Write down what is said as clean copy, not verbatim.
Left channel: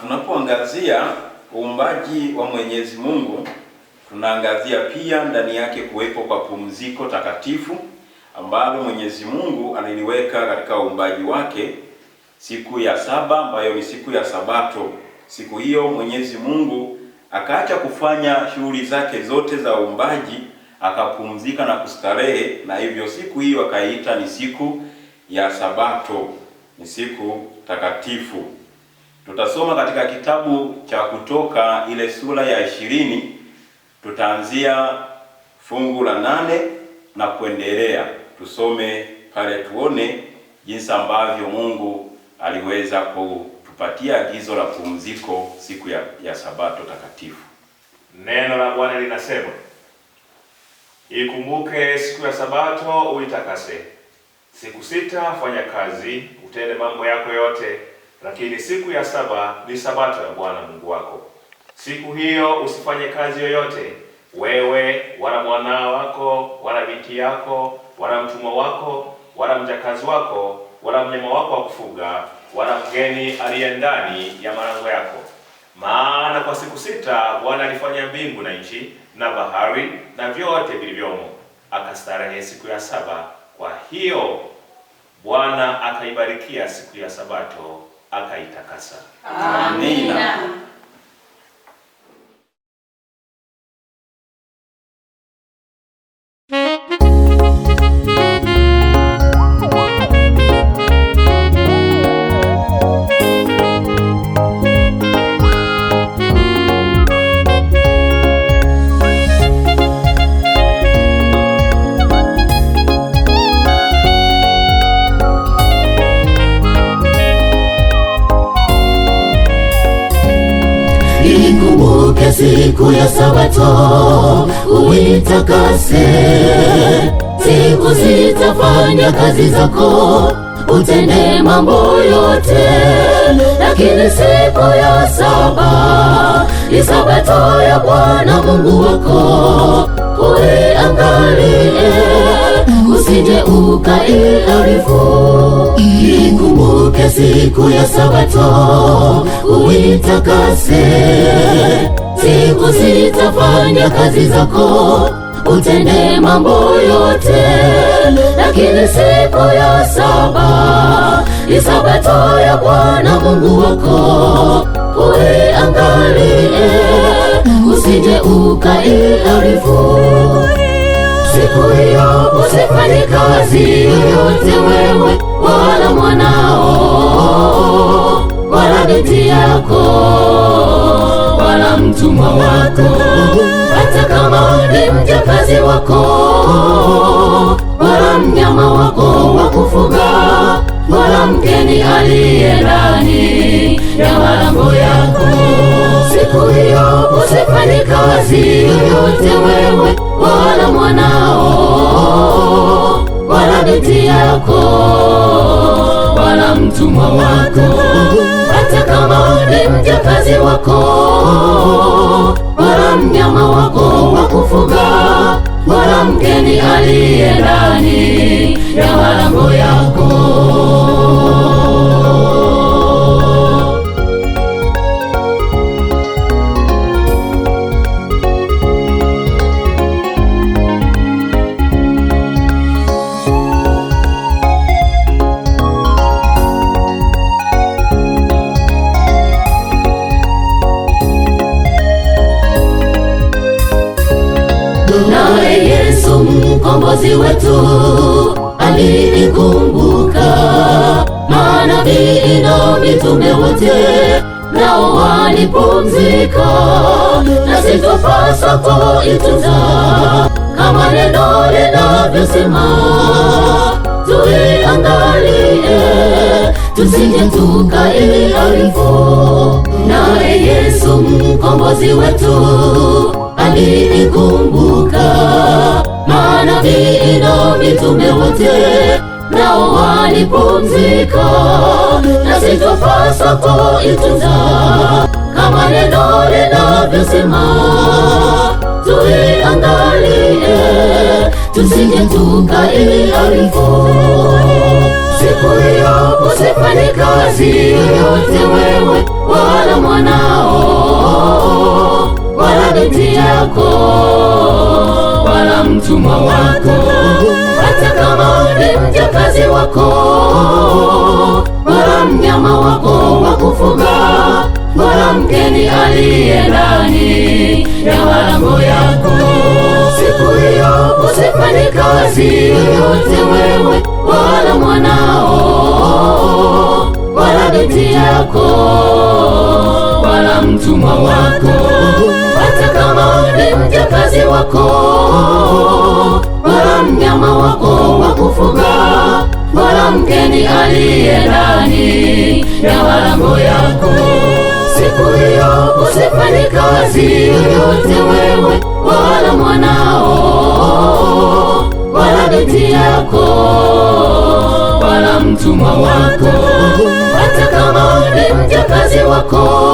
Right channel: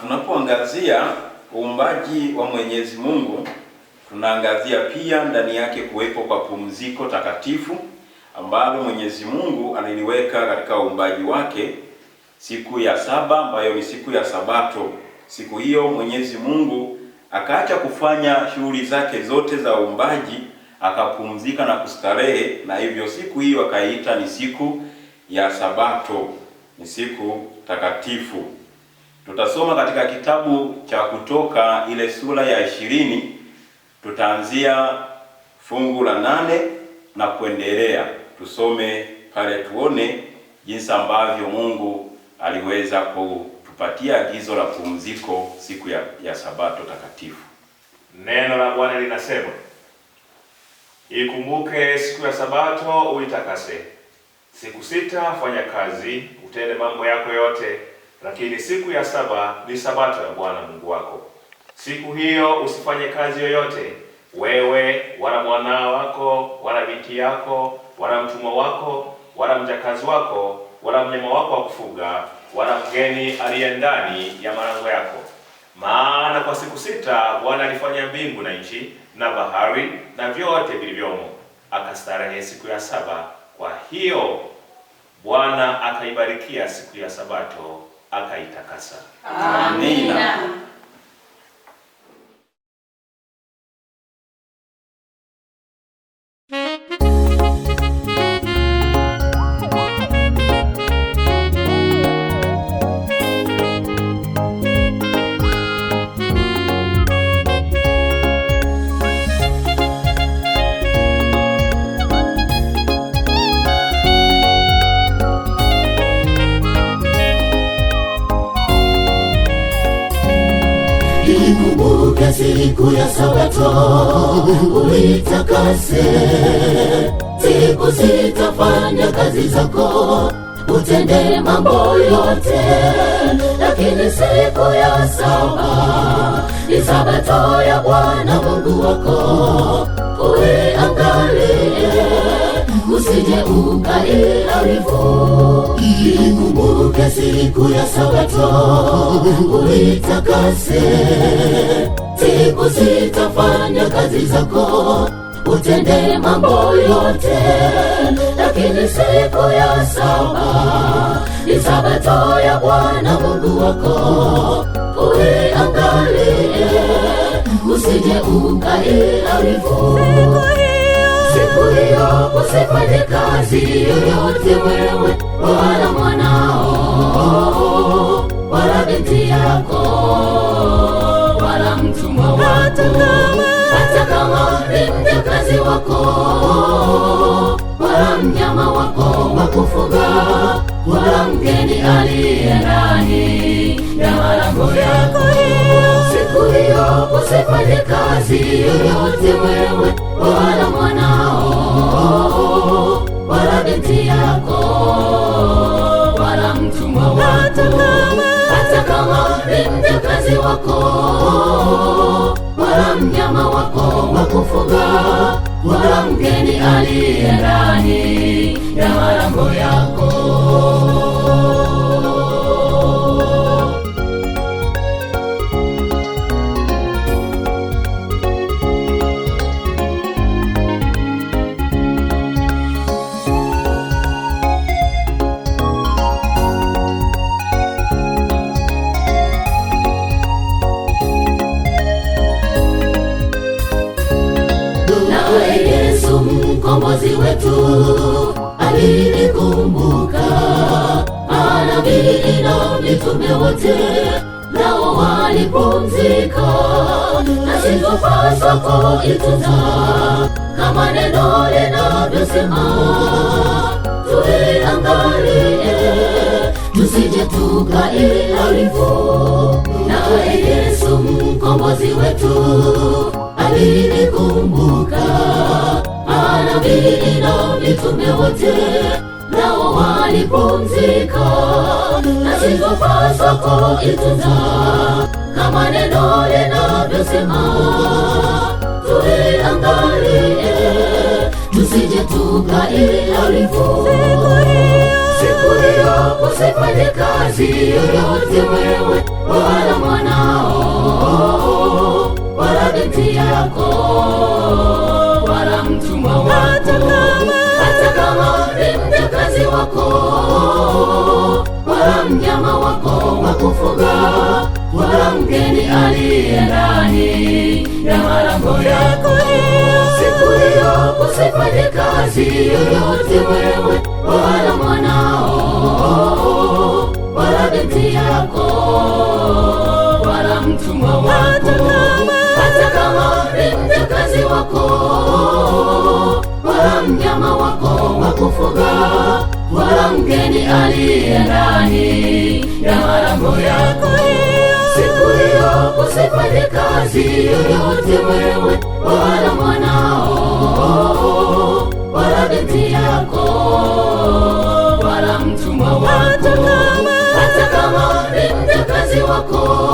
Tunapoangazia uumbaji wa Mwenyezi Mungu, tunaangazia pia ndani yake kuwepo kwa pumziko takatifu ambalo Mwenyezi Mungu aliliweka katika uumbaji wake siku ya saba, ambayo ni siku ya Sabato. Siku hiyo Mwenyezi Mungu akaacha kufanya shughuli zake zote za uumbaji, akapumzika na kustarehe, na hivyo siku hiyo akaiita ni siku ya Sabato, ni siku takatifu. Tutasoma katika kitabu cha Kutoka ile sura ya 20, tutaanzia fungu la 8 na kuendelea. Tusome pale tuone jinsi ambavyo Mungu aliweza kutupatia agizo la pumziko siku ya Sabato takatifu. Neno la Bwana linasema, ikumbuke siku ya Sabato uitakase. Siku 6 fanya kazi, utende mambo yako yote, lakini siku ya 7 ni Sabato ya Bwana Mungu wako. Siku hiyo usifanye kazi yoyote, wewe wala mwana wako wala binti yako wala mtumwa wako wala mjakazi wako wala mnyama wako wa kufuga wala mgeni aliye ndani ya malango yako. Maana kwa siku 6 Bwana alifanya mbingu na nchi na bahari na vyote vilivyomo, akastarehe siku ya 7. Kwa hiyo Bwana akaibarikia siku ya Sabato akaitakasa. Amina. Siku ya Sabato uitakase. Siku 6 fanya kazi zako, utende mambo yote, lakini siku ya 7 ni Sabato ya Bwana Mungu wako. Uiangalie usije ukaiharibu. Ikumbuke siku ya Sabato uitakase. Siku 6 fanya kazi zako, utende mambo yote, lakini siku ya 7 ni Sabato ya Bwana Mungu wako. Uiangalie usije ukaiharibu. Siku hiyo usifanye kazi yoyote, wewe wala mwanao wala binti yako wala mtumwa wako, hata kama ni mjakazi wako wala mnyama wako wa kufuga wala mgeni aliye ndani ya malango yako. Siku hiyo usifanye kazi yoyote, wewe wala mwanao wala binti yako wala mtumwa wako, hata kama ni mjakazi wako wala mnyama wako wa kufuga wala mgeni aliye ndani ya malango yako. Mkombozi wetu alinikumbuka, manabii na mitume wote nao walipumzika, na situpasa kuitunza kama neno linavyosema. Tuiangalie tusije tukaiharibu. Nawe Yesu mkombozi wetu alinikumbuka, manabii na mitume wote nao walipumzika, na situpasa kuitunza kama neno linavyosema. Tuiangalie tusije tukaiharibu. Siku hiyo usifanye kazi yoyote, wewe yoyote wewe, wala mwanao, wala binti yako, wala mtumwa wako, hata kama ni mjakazi wako.